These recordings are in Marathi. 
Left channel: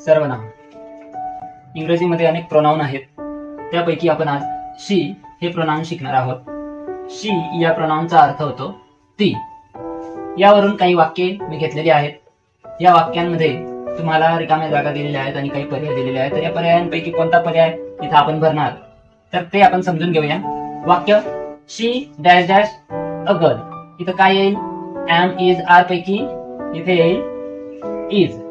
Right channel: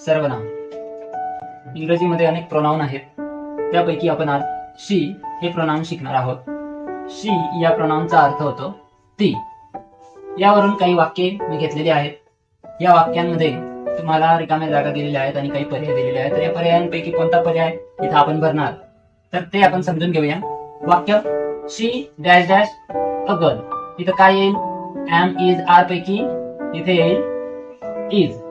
सर्वनाम. इंग्रजीमध्ये अनेक प्रोनाउन आहेत, त्यापैकी आपण आज शी हे प्रोनाउन शिकणार आहोत. शी या प्रोनाउनचा अर्थ होतो ती. यावरून काही वाक्ये मी घेतलेली आहेत. या वाक्यांमध्ये तुम्हाला रिकाम्या जागा दिलेल्या आहेत आणि काही पर्याय दिलेले आहेत. तर या पर्यायांपैकी कोणता पर्याय इथं आपण भरणार, तर ते आपण समजून घेऊया. वाक्य she dash dash a girl. इथं काय येईल? एम इज आर पैकी इथे येईल इज.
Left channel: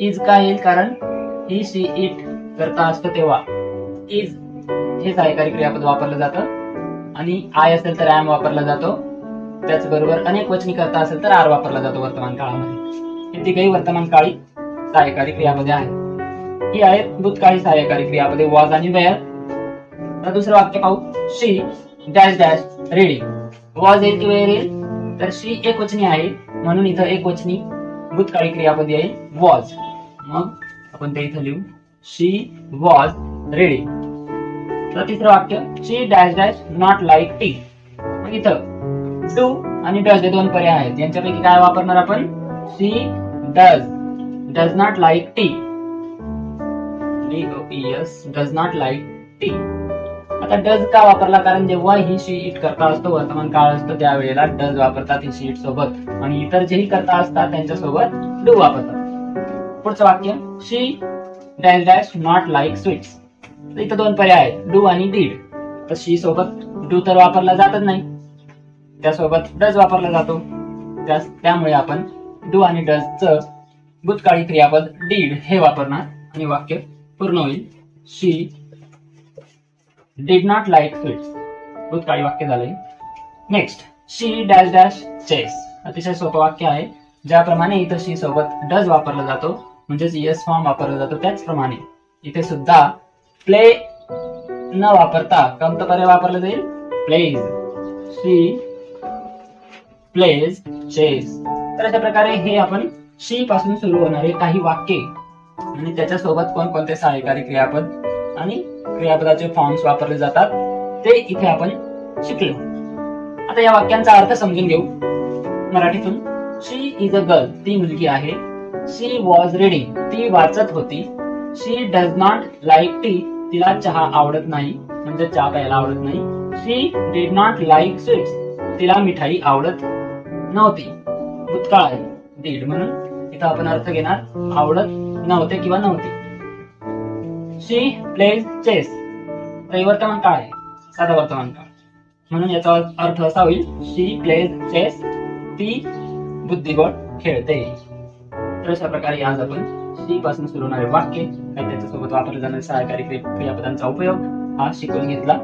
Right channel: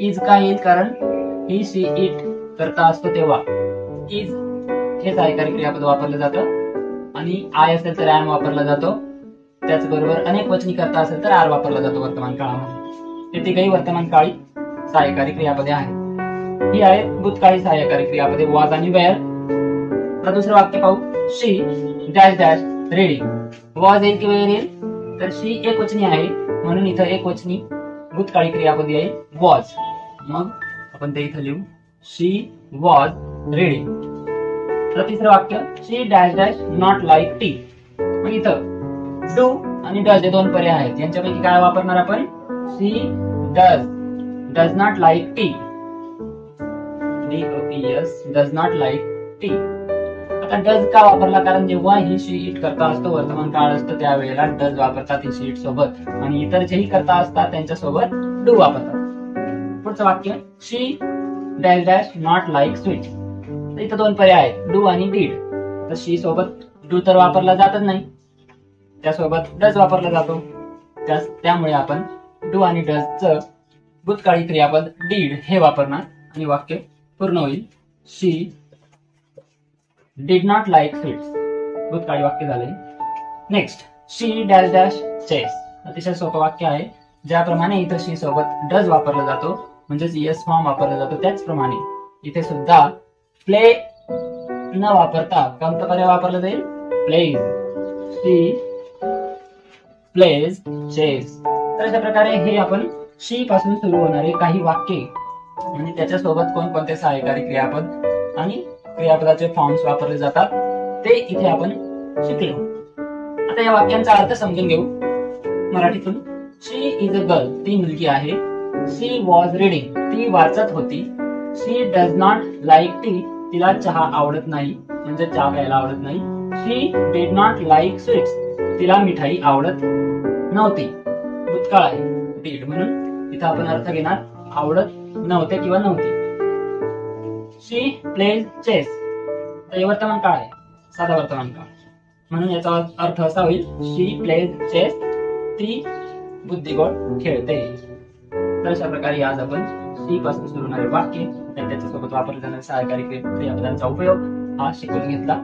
इज काय येईल? कारण ही शी इट करता असतो तेव्हा इज हे सहाय्यकारी क्रियापद वापरलं जातं आणि आय असेल तर एम वापरला जातो. त्याचबरोबर अनेक वचनी करता असेल तर आर वापरला जातो वर्तमान काळामध्ये. हे काही वर्तमान काळी सहाय्यकारी क्रियापदे आहेत. ही आहेत भूतकाळी सहाय्यकारी क्रियापदे वॉज आणि वेअर. आता दुसरं वाक्य पाहू. शी डॅश डॅश रीडिंग. वॉज येईल किंवा येईल? तर शी एक वचनी आहे म्हणून इथं एक वचनी भूतकाळी क्रियापद येईल वॉज. मग आपण ते इथं लिहू शी वॉज रीडिंग. तर तिसरं वाक्य she dash dash not like tea. मग इथं डू आणि डज हे दोन पर्याय आहेत. यांच्यापैकी काय वापरणार आपण? She does not like tea. Does not like tea. आता डज का वापरला? कारण जेव्हा ही शी इट करता असतो वर्तमान काळ असतो त्यावेळेला डज वापरतात ही शी इट सोबत, आणि इतर जेही करता असतात त्यांच्यासोबत डू वापरतात. पुढचं वाक्य she dash dash not like sweets. इथं दोन पर्याय आहेत, डू आणि डीड. तर शी सोबत डू तर वापरला जातच नाही, त्यासोबत डज वापरला जातो. त्यामुळे आपण डू आणि डज च भूतकाळी क्रियापद डीड हे वापरणार आणि वाक्य पूर्ण होईल. शी डिड नॉट लाईक स्वीट्स. भूतकाळी वाक्य झालंय. नेक्स्ट शी डॅश डॅश चेस. अतिशय सोपं वाक्य आहे. ज्याप्रमाणे इथं शी सोबत डज वापरला जातो म्हणजेच येस फॉर्म वापरला जातो, त्याचप्रमाणे इथे सुद्धा प्ले न वापरता कोणता पर्याय वापरला जाईल? प्लेज. She plays chess. तर अशा प्रकारे हे आपण शी पासून सुरू होणारे काही वाक्ये आणि त्याच्यासोबत कोणकोणते सहाय्यकारी क्रियापद आणि क्रियापदाचे फॉर्म्स वापरले जातात ते इथे आपण शिकलो. आता या वाक्यांचा अर्थ समजून घेऊ मराठीतून. शी इज अ गर्ल. ती मुलगी आहे. शी वॉज रीडिंग. ती वाचत होती. शी डज नॉट लाईक टी. तिला चहा आवडत नाही म्हणजे चहा प्यायला आवडत नाही. शी डिड नॉट लाईक स्वीट्स. तिला मिठाई आवडत नव्हती. भूतकाळ आहे डीड म्हणून इथं आपण अर्थ घेणार आवडत नव्हते किंवा नव्हती. She plays chess. वर्तमान काळ आहे, साधा वर्तमान काळ, म्हणून याचा अर्थ असा होईल शी प्लेज चेस. ती बुद्धिबळ खेळते. तर अशा प्रकारे आज आपण शी पासून सुरू होणारे वाक्य आणि त्याच्यासोबत वापरले जाणारे सहाय्यकारी क्रियापदांचा उपयोग हा शिकून घेतला.